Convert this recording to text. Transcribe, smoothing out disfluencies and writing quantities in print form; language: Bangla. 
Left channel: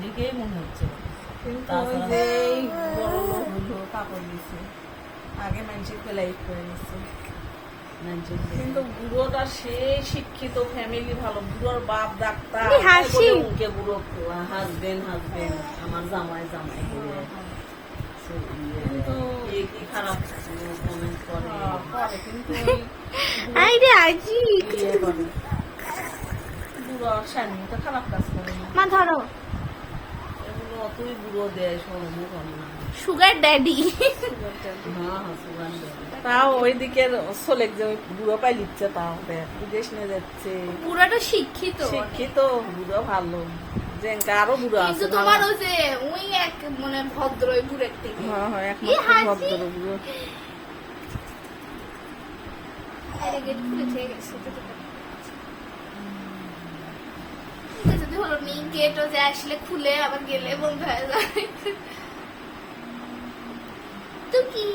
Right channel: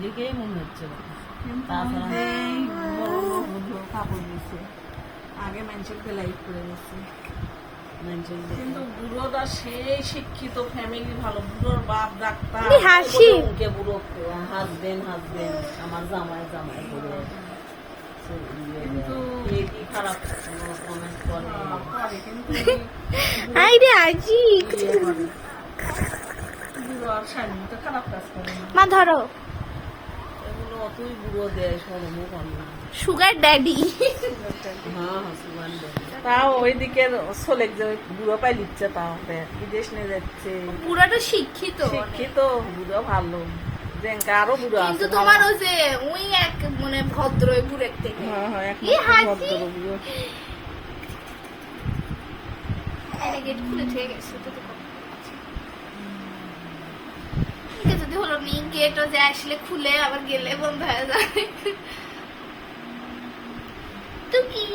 দেখেই মনে হচ্ছে তাছাড়া কাপড় দিয়েছি আগে মানুষের ফেলাই করে নিচ্ছে কিন্তু বুড়োটা সে শিক্ষিত ফ্যামিলি ভালো বুড়োর বাপ ডাক্তার মুখে বুড়ো হাসবেন আমার জামাই করে কি খারাপ কমেন্ট করে খারাপ কাজ করে মা ধরো অতই বুড়ো দেয় সুগার ড্যাডি তাও ওইদিকে চলে বুড়ো পাই লিখছে তাও বিদেশ নিয়ে যাচ্ছে বুড়াটা শিক্ষিত বুড়ো ভালো যে আরো বুড়ো আছে তোমার ওই যে ওই এক মানে ভদ্র বুড়ের থেকে ভদ্র বুড়ো গেট খুলে থেকে গেছে যদি হলো মেইন গেটও যে আসলে খুলে আবার গেলে বন্ধ হয়ে যায় টুকি